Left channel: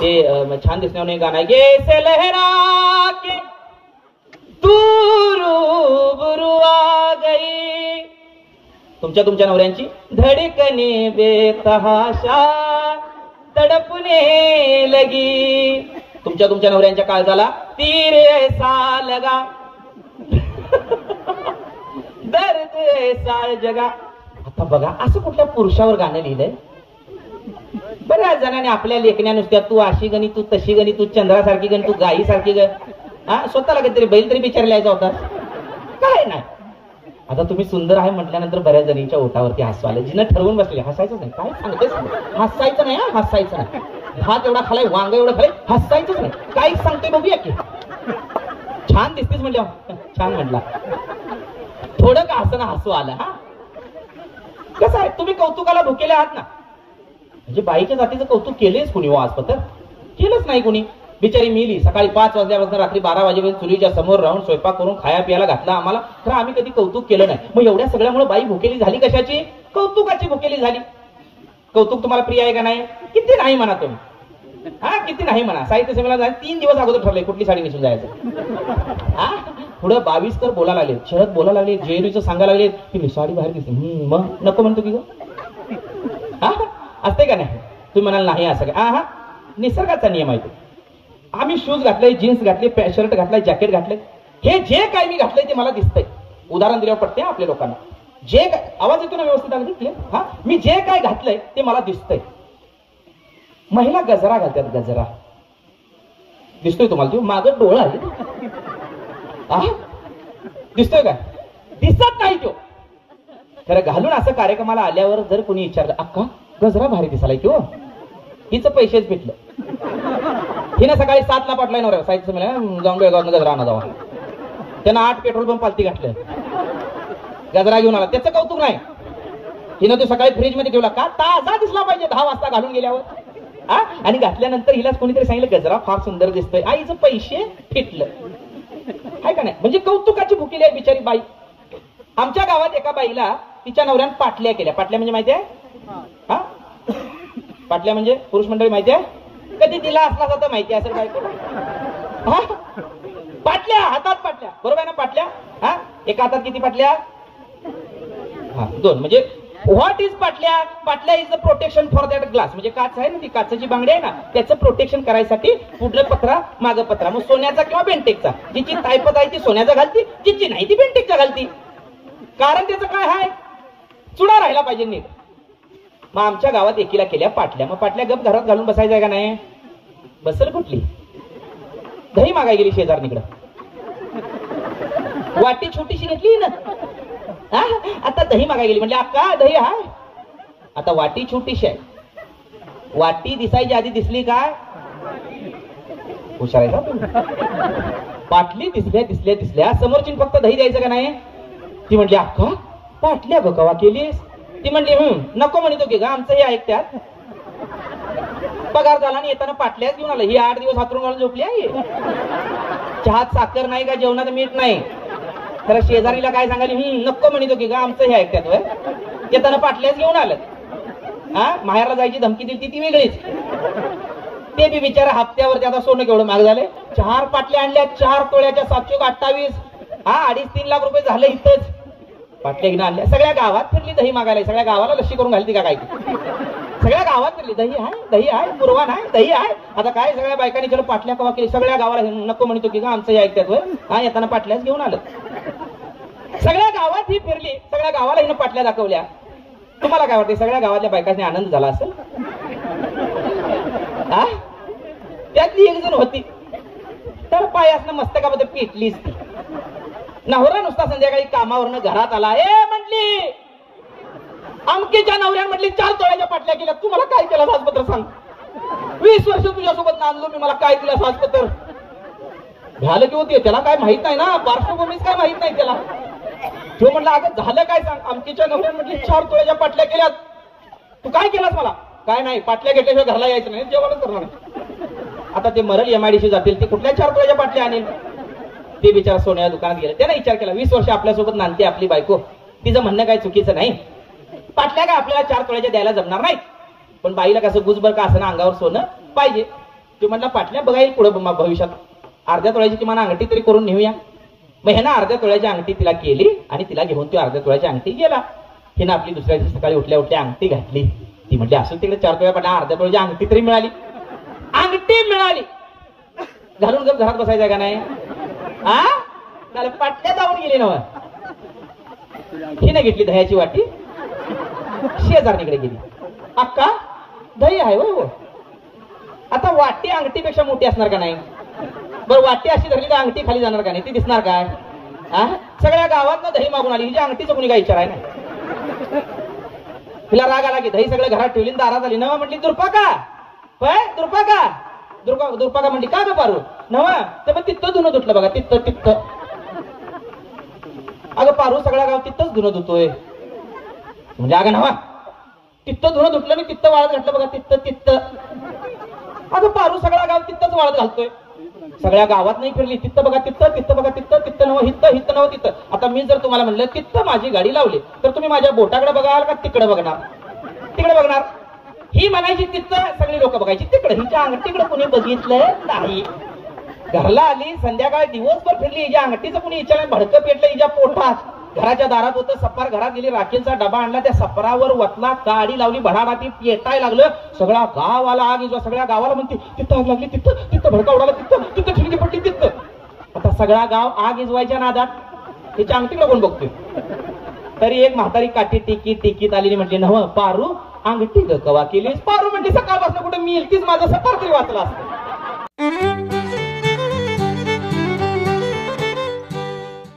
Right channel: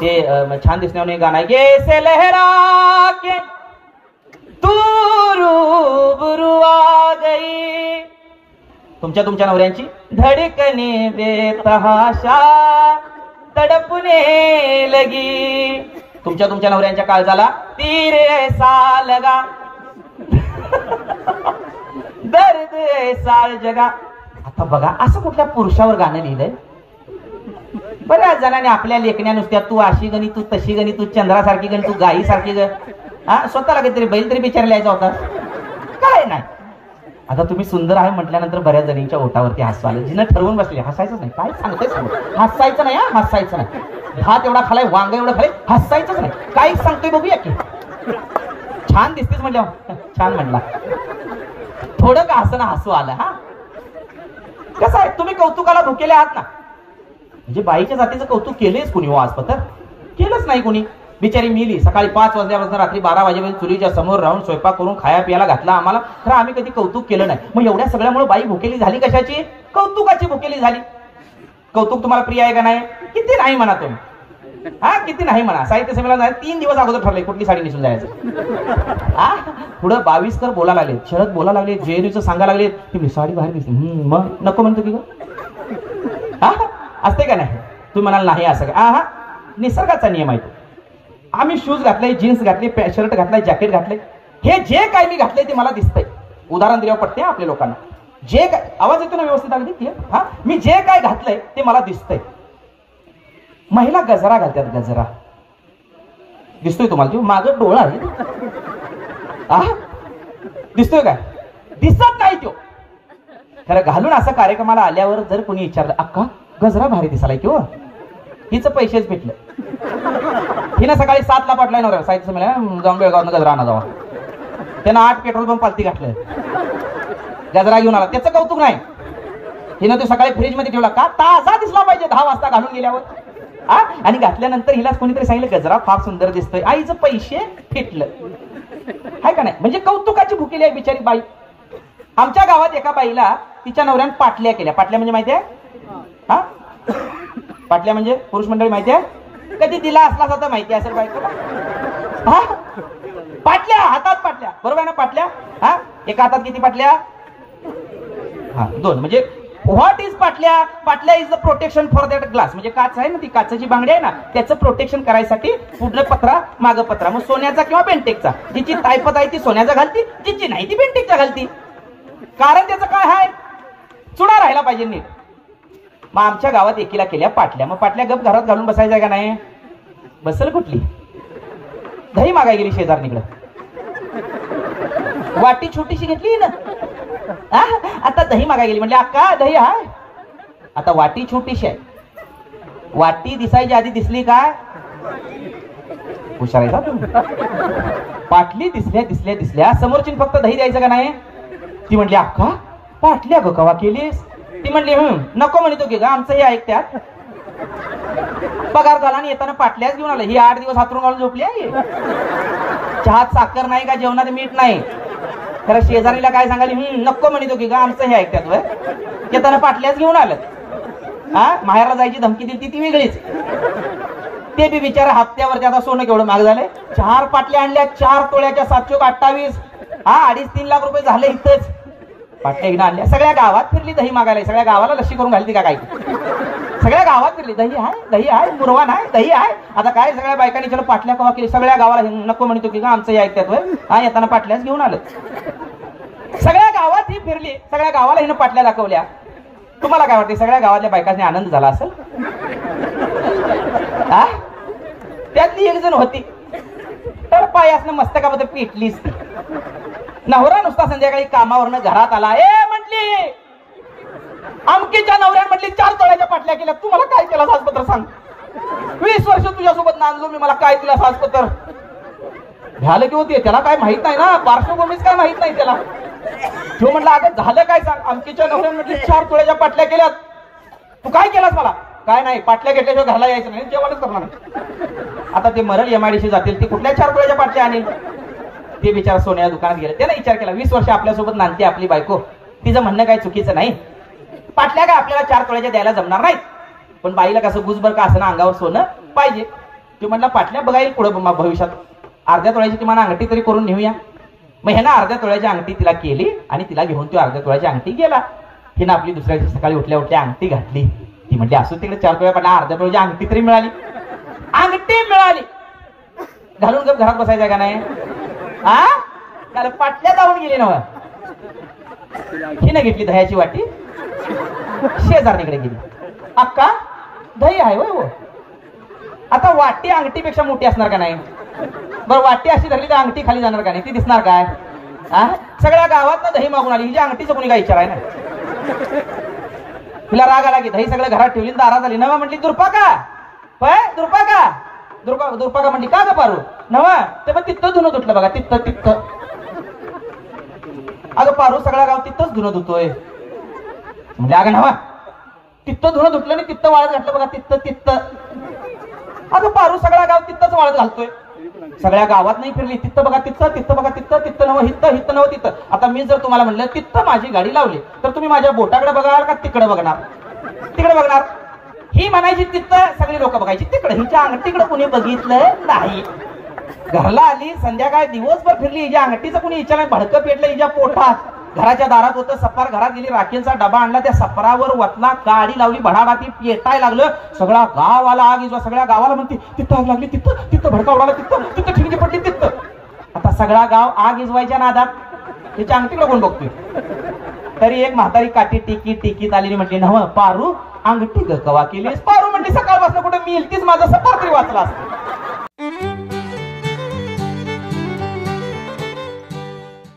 ते छान दिसण्यावर गाणं आहे, कैसे लहरा के तू रूबरू आ गई, तुमच्या नवऱ्यांची धडकने बेतहाशा तडपने लगी, तुमच्या नवऱ्यांच्या काळजाला तीर ऐसा लगा दर्द ऐसा जगा. आता बघा असं कुठल्या पुरुषावर गाणं लिहिलंय? बऱ्याच जणांनी आपल्या लेखण्या नुसत्या तू अशी गणी, तू तशी गणी, तू चंद्रासारखी गणी, तू गाई सारखी ग, हा स्वतःला काहीतरी बैल तरी बिचार लिहायचा होता, काय नाही. आता तुम्ही सुंदर आहे म्हटल्यानंतर बऱ्याच जणींच्या ओटावरती हसू आलं. जिनं ठरवून बसले हसायचंच नाही, काय सांगतोय हसायचं नाही, हसायचं नाही, भात एवढा खालाय, वांग एवढा खालाय, हसायचंच नाही, काय सांगतोय बघूया की. छान दिसतेस म्हटल्या, छान म्हटला, थोडं का हसणं हसू आलं. हा कसं आहे, तुम्ही कौतुकाला भुकेले आहात ना, म्हणजे बाईच्या जातीचं कौतुक केलेच कुणी? हो आजपत्र केलंच नाही कुणी. बिचारी मिली सकाळी 5 वाजल्यापासून रात्री 12 वाजेपर्यंत चुलीच्या समोर राहून स्वयंपाक करून खाया पियाला घातला आम्हाला, तर आम्ही कधी कौतुक केलं नाही. मग एवढ्या सगळ्यामुळे बाई भुकेली झाली कशाची? कौतुकाची भुकेली झाली. कौतुक तुम्हाला प्रिय आहे का नाही? किती नाही म्हणा तुम्ही, हा किती नाही म्हणा. साहित्य संमेलनाला 3 दिवस अगोदर ठरलंय कुठली साडी नेसून जायचं. हा पुढं 22 तर बोला लागले, शरद बोला लागले, जेएनयूचं सांगा लागले की साडी बाहेर दिसते, मग नको म्हणतो की हा असते का नाही? तुम्ही म्हणाल नाही असं काय? हा निसर्गाचा नियम आहे. आम्ही शूज घातले, जीन्स घातली, शर्ट घातलाय, जॅकेट घातले, हे जे काय मी घातलंय ते मला दिसतंय. उदाहरण दिल्यावर पडते आपल्या लोकांना. जे काय आवाज येतो ना व्यवस्थित अगदी क्लिअर? हा मी जे काय घातलंय ते मला दिसतंय. महिला गजरा घालतात, गजरा दिसतोय तुम्हाला? तो मागं डोळा दिसतोय काय? दिसत नाही तो. खरं घालून असं कार्यक्रमाला आल्यावर जर कोणी विचारलं अक्का गजरा भारी दिसायला की हो, हिचं पैसेच भेटलं. हिनं सकाळी 7ला पाठलाय नवऱ्या साहित्य संमेलन जाऊन बेळगावनं गजरा आणा जावा, त्यानं 8 पेट्रोल पंप पालती घातलं, गजरा घेऊन आला. त्याचं कौतुक नाही. हिनं तो सकाळी फ्रीज मध्ये ठेवला का? ताजा दिसला पाहिजे 10 वाजता घालून गेल्यावर. आणि घातल्यानंतर हिला कोणीतरी सांगितलं गजरा फार सुंदर दिसतोय, आईचं पैसे फिटलं, हाय का नाही? म्हणजे कौतुकाची भुकेली आहे बिचारी बाई. आमच्या गावात एका बाईला तिच्या नवऱ्यानं पाटल्या केल्या. पाटल्या म्हणजे माहिती आहे? हा पाटल्या म्हणजे पुरुष मंडळी माहिती आहे? कधी दिला असला तर माहिती असेल बायको. हा पाटल्या, हातात पाटल्या, बरोबर आहे ना? पाटल्या, हा एका हातात किती पाटल्या? हा 2. म्हणजे व्हॉट इज पाटल्या? पाटल्या is the protection for that glass. म्हणजे काच आहे ना, ती काचेची बांगडी आहे ना, त्याचं प्रोटेक्शन करायसाठी पुढलं पत्रा मागं पत्रा. मग सोन्याचा किंवा बेंटेकचा. जिची तायपत आहे ती सोन्याचा घालती, जिची नाही ती बेंटेकचा घालती. कारण त्याचं काय आहे? चुडा राहायला पाहिजे नीट. मग आमच्या गावात एकीला केल्या पाटल्या. मग पाटल्या गप घरात घालून बसायचं का नाही? बसल कुठली? दही मागाय गेली शेजारणीकडे, वाटी छोटीशी घेतली ना, आता दही मागाय गेली. म्हणले अक्का दही आहे? आता वाटी छोटीशी आहे. वाटी दिसायची आधी दिसली काय? हुशार आहे का तुम्ही? पाटली दिसल्या दिसल्या दिसल्या, समोरची फक्त दही द्यायचं का नाही? ती म्हणली अक्का पाटल्या ग कवा केलीस? ती म्हणली नको म्हणतो की ग, आमचं हे ऐकत्यात. पगार झाला आणि येताना पाटल्याच घेऊन आलं. ही 8 दिवस हातरून घालून झोपली आहे. चहात साखर नाही का, जेवणात मीठ नाही. खरं शेजारीला काय सांगाली? नको म्हणतो की ग, आमचं हे ऐकत्यात. वय येताना पाटल्याच घेऊन आलं. हा माहेरला जायची धमकी दिली ती वेगळीच. ते बी बिचारा हप्त्यावरती. आता सोनं केवढं महाग झालंय. 4 पाटल्या आणल्या, 4 तोळ्याच्या 728. हा 2.5-3 लाख रुपये झाले इथंच. पाटल्या घेऊन आणल्या. सगळ्या गावात फिरली दही मागायला. सगळ्या गावाला लस्सी करून घालती का काय? सगळ्या गावात फिरली. दही आहे, दही आहे, पुरवा नाही, दही आहे. आता काय सगळ्या बायकांनी चलो पाटल्या कवा केली. सगळ्या गावाला नको म्हणतो की आमचं हे ऐकत्यात. हा येताना पाटल्याच घेऊन आलं. सगळ्या गावात ही फिरली, सगळ्या गावाला हिनं पाटल्या दाखवल्या. तुम्हाला काय वाटतं? सगळ्या गावातल्या बायकांनी आनंद झाला असेल? त्यातली एक जण होती तर पाय असणं मस्तकामध्ये पिटलीच. नवरा नुसता संध्याकाळी कामावरनं घरात आला. म्हटली आमकीच्या नवऱ्याने म्हटली 4 तोळ्याच्या पाटल्या केल्या. तू मला काय केलं साजपत्र सांग? 20 वर्ष तुझ्यासोबत नांदलो मी, मला काय तुला साजपत्र झालं की होती? त्याला काय माहित नाही ना, पार्श्वभूमीच काय माहित नाही त्याला. तो म्हणला अगं झालं काय सांग? आमकीच्या नवऱ्याने म्हटली 4 तोळ्याच्या पाटल्या केल्यात. तू काय केलास? मला काय नाही, पाटल्या घेतल्याशिवाय घरला यायचं नाही, जेवणच करणार नाही. आता ते मरल MIDC जातील, ती कुठल्या 4 तोळ्याच्या पाटल्या आणि ते बिचारा सोन्या दुकानात गेले. त्याने विचार केला 20 वर्ष आपल्यासोबत नांदते आपली बायको, तिचं म्हणणं काय चुकीचं नाही. पाटल्या काय आपल्याला 4 तोळ्याच्या द्यायला जमणार नाही, पण बाईला कसं गुजबर का असं अंगावर सोनं पाहिजे. तो म्हणला पाटल्या बघा येईल पुढे भविष्यात अर्ध्या तोळ्याची किमान अंगठी तरी करून नेऊया. मग ह्यानं अर्ध्या तोळ्याची अंगठी तिला केली आणि तिला घेऊन तो अर्ध्या तोळ्याची अंगठी गेला. हिनं आपली दुसऱ्या दिवशी सकाळी उठल्या उठल्या अंगठी घातली. ती म्हणजे असं तिकडे 4 तोळ्या पाटल्या अर्ध्या तोळ्याची अंगठी तरी मिळाली. अंगठी मिळाली घालून जर घरात बसायचं का नाही? हा त्याला पाटल्या जाऊन गेली नव. हिने घेतली दह्याची वाटी शेजारणीकडे गेली. अक्का दही आहे हो. आता वाटी अंगठीपेक्षा मोठी असणार का नाही? बरं वाटी अशी धरली तर अंगठी खाली जाणार का नाही? ती दिसणार काय? सगळ्या गावात ना दही मागून आली. हिच्या अंगठीचं कोणी काय विचाराय ना. तिला राग आला की दही सगळं घरात ठेवली दारात आली. नवा म्हटली दुर्पाका दुर्पाका दुर्पाका म्हटली का ग पारू? नवा ते पण तिथं धुणं धुतलं बघा. तिथं अगं पारू सगळा गाव तिथंच धुणं धुतोय. म्हणजे अगं नवा तिथं धुणं धुतलं आणि तिथं वाळत घातलं बघा. तिथं अगं पारू सगळा गाव तिथंच वाळत घालतोय. सगळ्या गावात नाही फिरली. तिथं बघा तिथं बघा तिथं नव हिथं नव तिथं. आता मी जर तुम्हाला म्हणलं तिथं माझी गाडी लावली तर तुम्ही माझ्या बोटाकडे बघाल का तिकडे बघणार? तिकडे बघणार. ही म्हणायची तिथं सगळी लोक बघायची तिकडे. हिच्या अंगठीकडे कुणी बघितलंय नाही. घरला आली संध्याकाळी दिवसभर फिरली. हिच्या अंगठीचं कुणी विचारलं भडकं पेटलं हिच्या पोटात. घराच्या दारात होतं सपार. घरात गेली राखेलचा डबा आणला त्या सपरावर वतला काडी लावली भडाभाती पेटाय लागलं. सगळा गाव आला आग इजवा. सगळ्या गावाला म्हणते तिथं आग लागली तिथं भडका उडाला तिथं ठिणगी पडली तिथं. आता सगळा गाव आग इजवायच्या नादात हिच्या अंगठीकडे कोण बघतोय? तरी एक म्हातारी काठी टिकीत आलेली म्हटली नव पारू अंगठी ग कवा केलीस? पारू म्हणली सकाळपासून कुठे मी इलतीच माझा सपार तरी वाचला असत.